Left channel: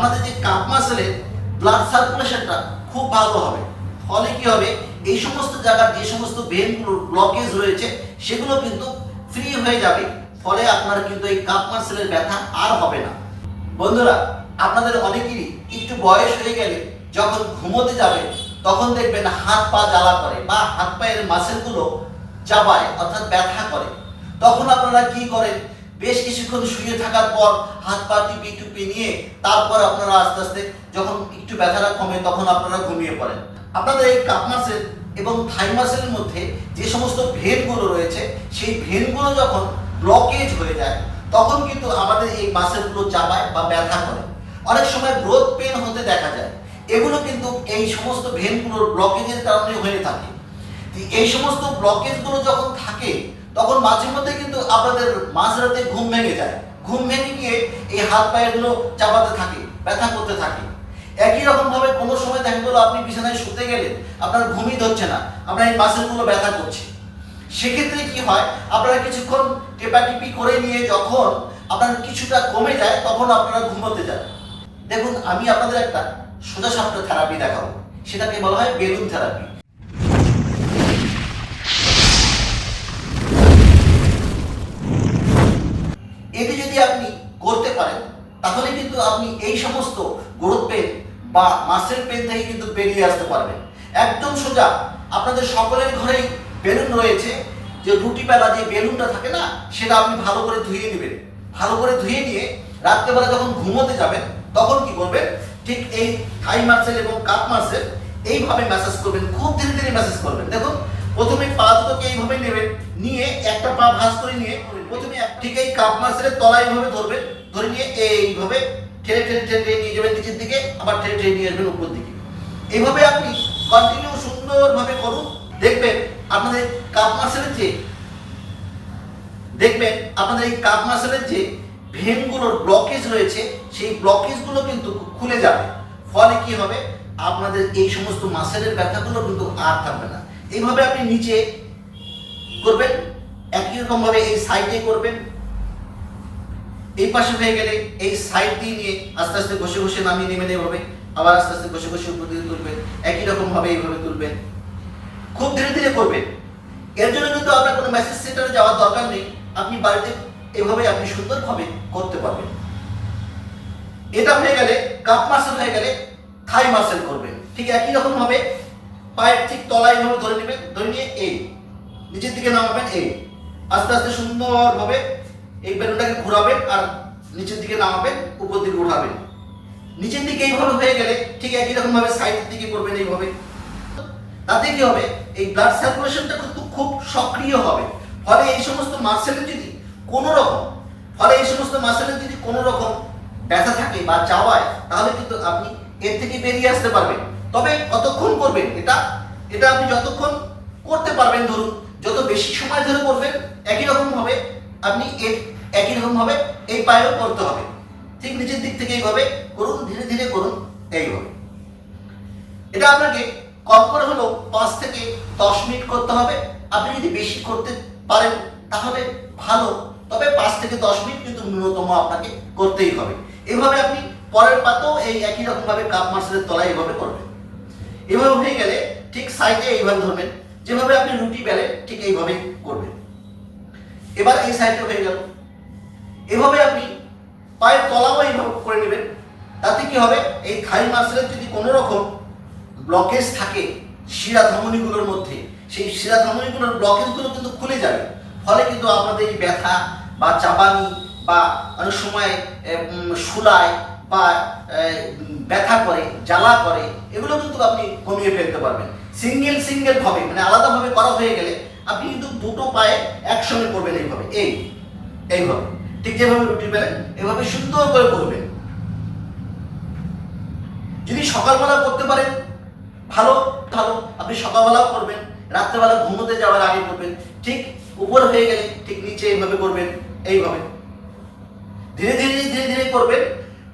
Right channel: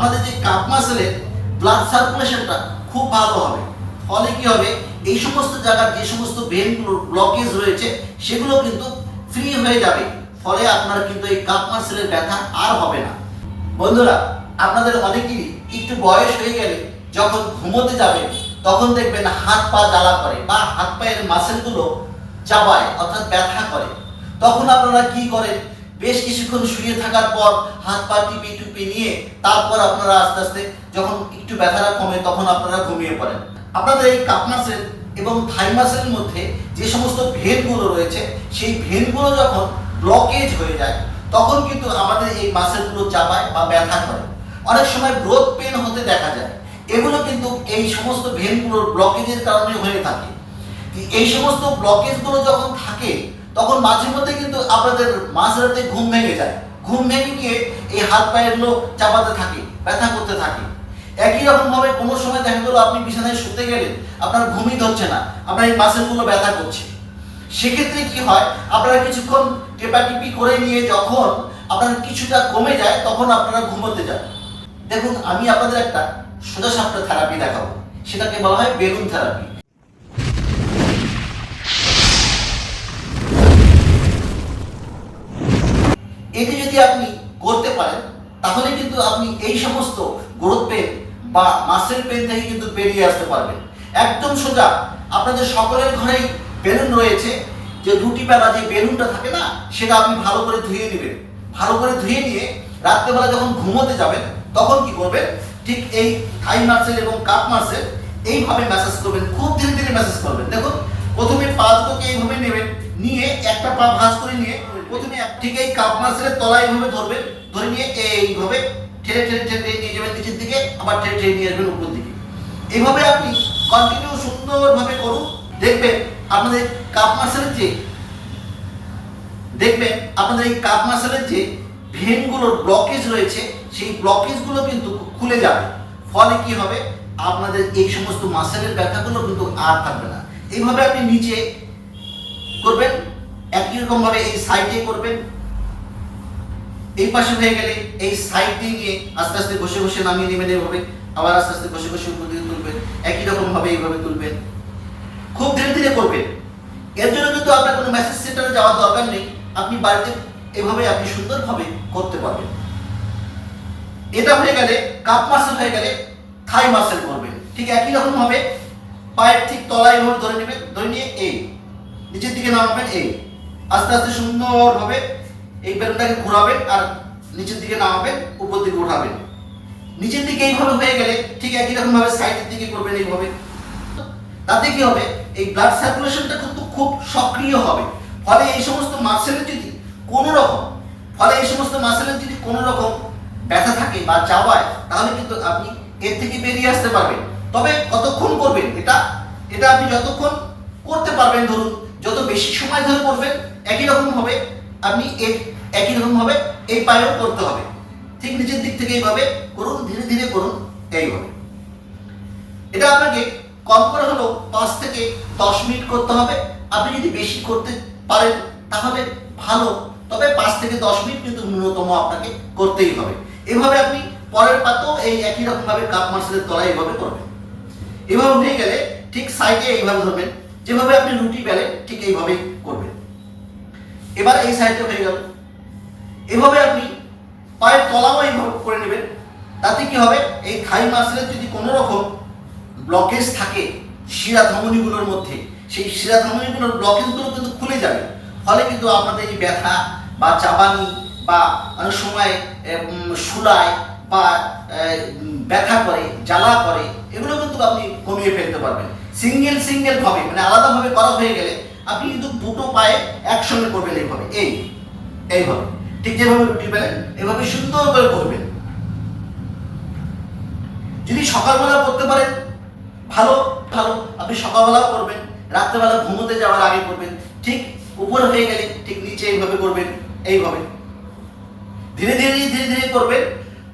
আপনাদের যে cup মাসেলের blood সার্কুলেশনটা খুব ভালো হবে। ফলে কি হবে? এই সমস্ত জায়গার যে সমস্ত ভেনগুলোর ব্লকেজ রয়েছে, সেগুলো কিন্তু ফ্রি হয়ে যাবে। ফলে আপনার কিন্তু এই কাপ মাসেলের ব্যথা আর হবে না। বন্ধুরা, আপনাদের অনেকেরই একটু বয়স হয়ে গেলে যখন ঘুমোতে যাবেন তখন দেখবেন হাত পা জ্বালা করে বা হাত পায়ের মাসেলগুলো চাবায়, অর্থাৎ ব্যথা করে। তখন আপনারা কি করেন? বেশ কিছুক্ষণ শুয়ে থাকার পর হাত পা টিপি টুপি নিয়ে তারপর আপনারা আস্তে আস্তে যখন একটু ব্যথাটা কমে তখন আপনারা ঘুমিয়ে পড়েন। আপনাদের এই কাপ মাসেল এবং থাই মাসেলের মধ্যে যে সমস্ত ভেনগুলো রয়েছে, সেই ভেনগুলো যখন ব্লকেজ হয়ে যায়, তখন কিন্তু আমাদের এই মাসেলগুলো চাপায় বা ব্যথা করে। অনেক সময় গ্রোথ পেন হতে দেখা যায়। এগুলো কিন্তু এই সমস্ত ভেনগুলোর ব্লকেজের কারণে হয়ে থাকে। এই সমস্ত ব্লকেজগুলো যখন থাকে তখন মাঝে মধ্যে কিন্তু আপনাদের মাঝরাতে ঘুম ভেঙে যায়। ঘুম ভেঙে গিয়ে এই হাত পায়েরগুলো চাপাতে থাকে, ব্যথা করতে থাকে। একই রকম ভাবে কোনো সময় দেখা গেলো আপনি বিছানায় শুতে গেলেন, আপনার ঘুমই ধরছে না, আপনার এই মাসেলগুলো ব্যথা করছে। সেক্ষেত্রে কি হয়, আপনারা কিছুক্ষণ টেপাটিপি করে নিয়ে যখন আপনার কিছুটা কমে যায়, তখন আপনারা ঘুমোতে যান। দেখুন, আমি আপনাদের একটা সোজা থেরাপি দেখাবো। সেটাকে বলা হয় বেলুন থেরাপি এটি যদি আপনি করতে পারেন, তাহলে কিন্তু আপনি এই সমস্ত গ্রোথ পেন বা মাসেল পেন থেকে কিন্তু বেরিয়ে আসতে পারবেন। একদম সোজা, আপনাদের সকলের ঘরেই বেলুন রয়েছে, যে রুটি বেলা যে বেলুনটা থাকে না, সেটা আপনি ভালো করে ধুয়ে নেবেন। ভালো করে ধুয়ে নিয়ে রাত্রেবেলা যখন ঘুমোতে যাবেন, তখন কি করবেন, ঠিক এই থাই মাসেল এবং কাপ মাসেল এইভাবে ম্যাসাজ করবেন, খুব ধীরে ধীরে ম্যাসাজ করবেন। দেখুন, প্রথমে পা দুটোকে এইভাবে নেবেন নিয়ে একটা পা ভাঁজ করে নিয়ে প্রথমে ঠিক এই কাপ মাসেলের তলায় এইভাবে ধরবেন ধরে নিয়ে এইভাবে ঠেলে ঠেলে ঠেলে নিয়ে যাবেন নিচের দিকে, আবার ঠেলে ঠেলে নিয়ে আসবেন উপর দিকে। এইভাবে আপনি কন্টিনিউ সুন্দরভাবে করুন। দেখবেন আপনাদের কাপ মাসেলের যে দেখবেন আপনাদের এই কাপ মাসেলের যে ভেনগুলোর ব্লকেজ রয়েছে, সেই ব্লকেজগুলো কিন্তু খুলে যাবে। ফলে কি হবে? আপনাদের এই সমস্ত মাসেলের ব্যথাগুলো কিন্তু আর থাকবে না। এইভাবে আপনি নিচে করবেন, একই রকম ভাবে এই সাইডে করবেন। এই পাশে হয়ে গেলে এই সাইড দিয়ে নিয়ে আস্তে আস্তে ঘষে ঘষে নামিয়ে নেবেন এইভাবে আবার আস্তে আস্তে ঘষে ঘষে উপর দিকে তুলবেন, একই রকম ভাবে এইভাবে তুলবেন। খুব ধীরে ধীরে করবেন। এর জন্য কিন্তু আপনার কোনো মেসেজ সেন্টারে যাওয়ার দরকার নেই, আপনি বাড়িতে এভাবে আপনি সুন্দরভাবে করতে পারবেন। এটা হয়ে গেলে কাপ মাসেল হয়ে গেলে থাই মাসেল করবেন। ঠিক একই রকম ভাবে পায়ের ঠিক তলায় এভাবে ধরে নেবেন, ধরে নিয়ে এই নিচের দিকে নামাবেন, এই। আস্তে আস্তে সুন্দরভাবে এই বেলুনটাকে ঘোরাবেন আর নিচের দিকে নামাবেন, উপর দিকে উঠাবেন। নিচের দিকে এইভাবে হয়ে গেলে ঠিক একই রকম ভাবে সাইডের দিকে করবেন এইভাবে। তাতে কি হবে? এই ব্লাড সার্কুলেশনটা কিন্তু খুব সক্রিয় হবে। ফলে এই সমস্ত মাসেলের যদি কোনো রকম ফলে এই সমস্ত মাসেলের যদি কোনো রকম ব্যথা থাকে বা চাওয়ায় তাহলে কিন্তু আপনি এর থেকে বেরিয়ে আসতে পারবেন। তবে কতক্ষণ করবেন এটা? এটা আপনি যতক্ষণ করতে পারবেন, ধরুন বেশি সময় ধরে করবেন একই রকম হবে, আপনি একই রকম ভাবে এই পায়েও করতে হবে। ঠিক নিচের দিক থেকে এইভাবে করুন, ধীরে ধীরে করুন, এইভাবে। এটা আপনাকে কম করে হলেও পাঁচ থেকে দশ মিনিট করতে হবে। আপনি যদি বেশি করতে পারেন, তাহলে ভালো। তবে পাঁচ থেকে দশ মিনিট কিন্তু ন্যূনতম আপনাকে করতেই হবে। এভাবে আপনি পরের পাতেও এই একই রকমভাবে কাপ মার্সেলের তলায় এইভাবে করবেন। এভাবে হয়ে গেলে ঠিক সাইডে এইভাবে ধরবেন। যেভাবে আপনি রুটি বেলেন ঠিক এইভাবেই করবেন। এবার এই সাইডটা হয়ে গেল। এভাবে আপনি পায়ের তলাও এইভাবে করে নেবেন। তাতে কি হবে? এই থাই মাসেলের যদি কোনো রকম ব্লকেজ থাকে শিরা ধমনীগুলোর মধ্যে, সেই শিরা ধমনীগুলোর ব্লকেজগুলো কিন্তু খুলে যাবে। ফলে কিন্তু আপনাদের এই ব্যথা বা চাবানি বা অনেক সময় শুলায় বা ব্যথা করে, জ্বালা করে, এগুলো কিন্তু আপনি কমিয়ে ফেলতে পারবেন। সিঙ্গেল সিঙ্গেল ভাবে মানে আলাদাভাবে করা হয়ে গেলে আপনি কিন্তু দুটো পায়ে একসঙ্গে করবেন এইভাবে, এই, এইভাবে। ঠিক যেভাবে রুটি বেলেন এভাবে সুন্দর করে করবেন। যদি সকালবেলা করতে পারেন, ভালো ভালো, আপনি সকালবেলাও করবেন, রাত্রেবেলা ঘুমোতে যাওয়ার আগে করবেন, ঠিক উপর হয়ে গেলে ঠিক নিচে এইভাবে করবেন, এইভাবে। ধীরে ধীরে ধীরে ধীরে করবেন,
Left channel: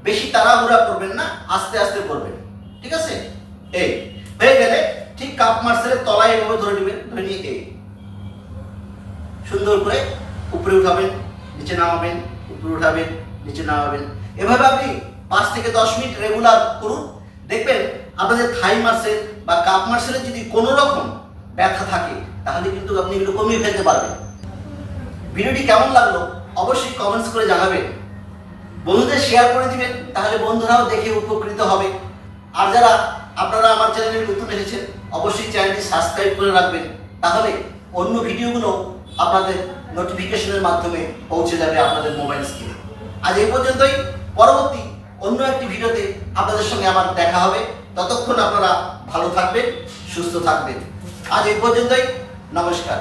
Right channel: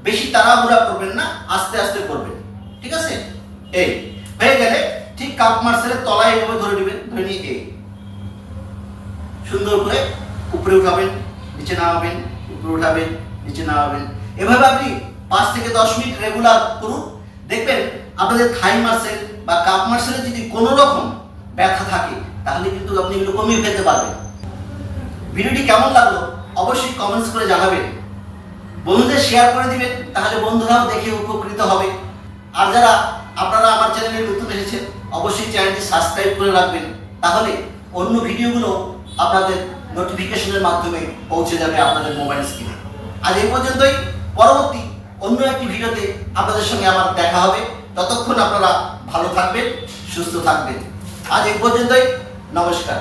বেশি তাড়াহুড়া করবেন না, আস্তে আস্তে করবেন। ঠিক আছে? এই, হয়ে গেলে ঠিক কাপ মার্সেলের তলায় এভাবে ধরে নেবেন, ধরে নিয়ে এই সুন্দর করে উপরে উঠাবেন, নিচে নামাবেন, উপরে উঠাবেন, নিচে নামাবেন। এভাবে আপনি পাঁচ থেকে দশ মিনিট রেগুলার করুন। দেখবেন আপনাদের থাই মাসেল বা কাপ মাসেলে যদি কোনো রকম ব্যথা থাকে, তাহলে কিন্তু আপনি এগুলো কমিয়ে ফেলতে পারবেন। ভিডিওটি কেমন লাগল অবশ্যই কমেন্টস করে জানাবেন। বন্ধুদের শেয়ার করে দিবেন, তাহলে বন্ধুরাও দেখে উপকৃত হবে। আর যারা আপনারা আমার চ্যানেলে নতুন এসেছেন, অবশ্যই চ্যানেলটি সাবস্ক্রাইব করে রাখবেন। তাহলে অন্য ভিডিওগুলো আপনাদের নোটিফিকেশনের মাধ্যমে পৌঁছে যাবে আপনাদের মোবাইল স্ক্রিনে আজ এই পর্যন্তই। পরবর্তী অন্য একটি ভিডিওতে আপনাদের সঙ্গে আমার দেখা হবে। ততক্ষণ আপনারা ভালো থাকবেন, সুস্থ থাকবেন। আজ এই পর্যন্তই। নমস্কার।